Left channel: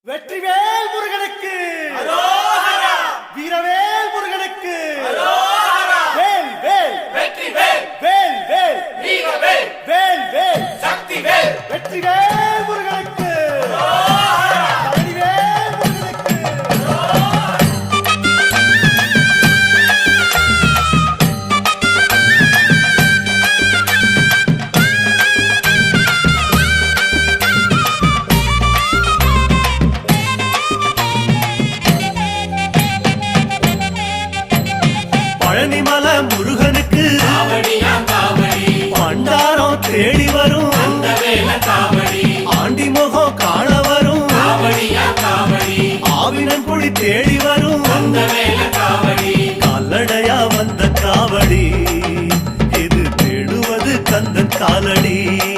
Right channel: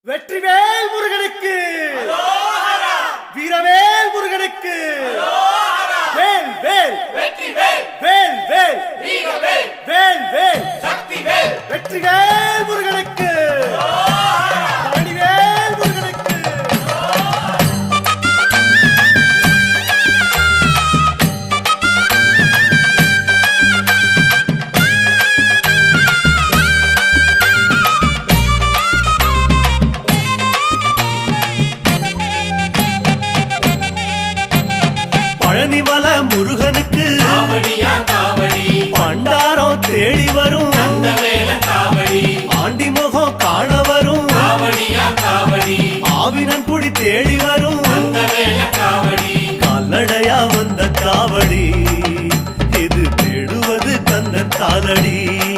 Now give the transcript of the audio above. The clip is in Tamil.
வெற்றிவேல் முருகனுக்கு, வீரவேல் முருகனுக்கு, வேல் வேல் வெற்றிவேல், வேல் வேல் வீரவேல், வேல் வேல் சக்திவேல், வெற்றிவேல் முருகனுக்கு, பழனிவேல் முருகனுக்கு. பழனிமல முருகனுக்கு காவடியா காவடி, பண்டாரம் தேடி வரும், வேல காவடி, ஆண்டி முகம் காண வரும், காவடியா காவடி, ஆவினன் குடி தேடி வரும், வேல காவடி, கால்நடையா வந்த காவடி, இது தேடுவது கந்தன் காலடி.